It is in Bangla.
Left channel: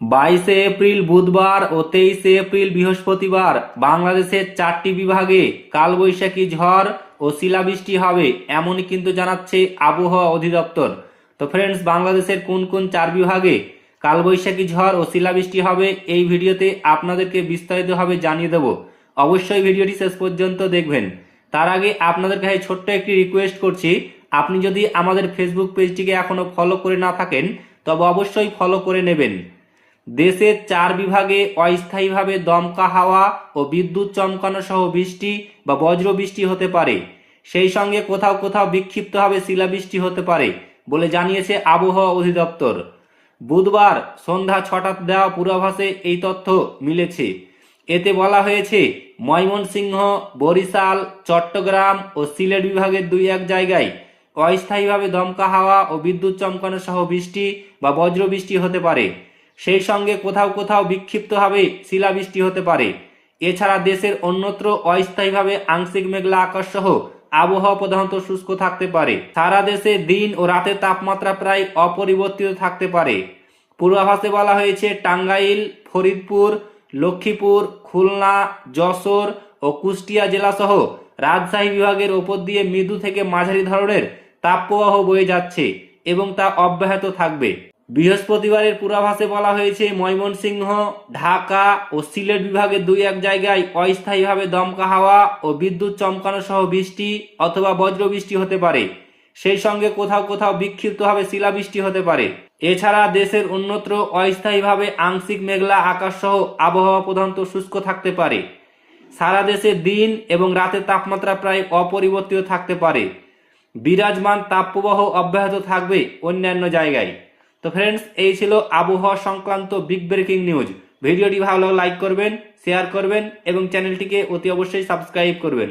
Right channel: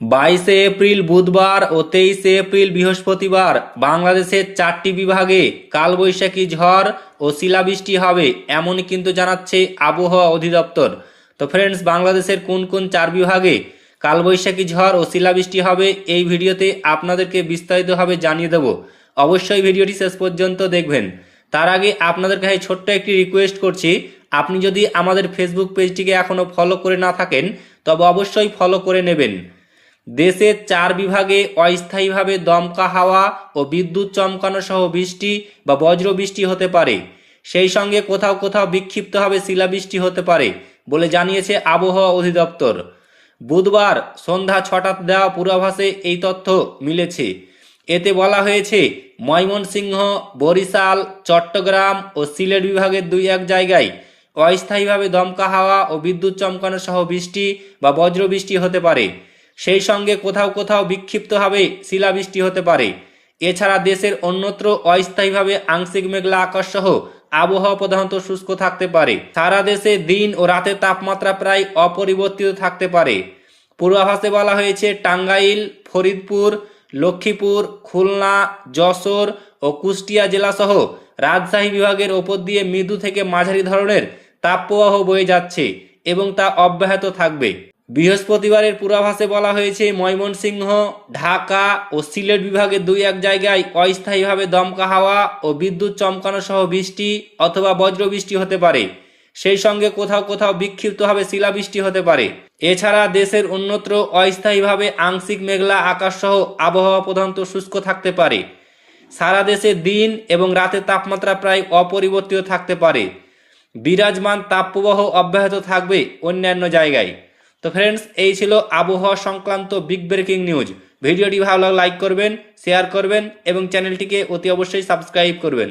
22 এপ্রিল বুধবার ও 23 এপ্রিল বৃহস্পতিবার বাংলাদেশের 4টি বিভাগে কালবৈশাখী ঝড় ও শিলাবৃষ্টি হবে এমনই কিন্তু জানাচ্ছে আবহাওয়া অধিদপ্তর। তো ফ্রেন্ডস, বাংলাদেশের কোন কোন 4 বিভাগে কালবৈশাখী ঝড় ও শিলাবৃষ্টি হবে এই ভিডিওতে আপনাদেরকে বিস্তারিতভাবে জানিয়ে দেব। অবশ্যই ভিডিওটি শেষ পর্যন্ত দেখবেন। তার আগে আপনাদের কাছে ছোট্ট একটি রিকোয়েস্ট করছি, আপনি যদি আমাদের ফেসবুক পেজটিকে এখনও ফলো করে না থাকেন তবে অবশ্যই ফলো করে নেবেন। দেশের 4 বিভাগে অস্থায়ীভাবে দমকা হাওয়া ও বিদ্যুৎ চমকানো সহ বৃষ্টি বা বজ্র বৃষ্টি হতে পারে। সেই সঙ্গে কোথাও কোথাও বিক্ষিপ্তভাবে শিলাবৃষ্টি হতে পারে বলে জানিয়েছে আবহাওয়া অধিদপ্তর। বুধবার সন্ধ্যা 6টার দেওয়া পূর্বাভাসে এই তথ্য মিলেছে। এতে বলা হয়েছে, ময়মনসিংহ, বরিশাল, চট্টগ্রাম ও সিলেট বিভাগের 2-1 জায়গায় অস্থায়ীভাবে দমকা হাওয়া ও বিদ্যুৎ চমকানো সহ বৃষ্টি বা বজ্র বৃষ্টি হতে পারে। সেই সঙ্গে কোথাও কোথাও বিক্ষিপ্তভাবে শিলাবৃষ্টি হতে পারে। এছাড়া দেশের অন্যত্র অস্থায়ীভাবে আংশিক মেঘলা আকাশ সহ আবহাওয়া প্রধানত শুষ্ক থাকতে পারে। সারা দেশে দিন ও রাতের তাপমাত্রা প্রায় অপরিবর্তিত থাকতে পারে। পূর্বাভাসে বলা হয়েছে, টাঙ্গাইল, ফরিদপুর, লক্ষ্মীপুর, খুলনা, যশোর ও কুষ্টিয়া জেলাসহ রাজশাহী বিভাগের ওপর দিয়ে মৃদু থেকে মাঝারি ধরনের তাপপ্রবাহ বয়ে যাচ্ছে এবং তা অব্যাহত থাকবে। বৃহস্পতিবারের পূর্বাভাসে বলা হয়েছে, ময়মনসিংহ, ঢাকা ও সিলেট বিভাগের 2-1 জায়গায় অস্থায়ীভাবে দমকা হাওয়া ও বিদ্যুৎ চমকানো সহ বৃষ্টি অথবা বজ্রবৃষ্টি হতে পারে। সেই সঙ্গে কোথাও কোথাও বিক্ষিপ্তভাবে শিলাবৃষ্টি হতে পারে। এছাড়া দেশের অন্যত্র অস্থায়ীভাবে আংশিক মেঘলা আকাশ সহ আবহাওয়া প্রধানত শুষ্ক থাকতে পারে। সারা দেশে দিন এবং রাতের তাপমাত্রা প্রায় অপরিবর্তিত থাকতে পারে। বিরাজমান তাপপ্রবাহ অব্যাহত থাকবে অন্যান্য জায়গায়। তো ফ্রেন্ডস, এই ছিল আবহাওয়া সংক্রান্ত বিগ ব্রেকিং নিউজ। ভিডিওটি ভালো লাগলে লাইক করবেন, শেয়ার করবেন এবং চ্যানেলটিকে অতি অবশ্যই সাবস্ক্রাইব করবেন।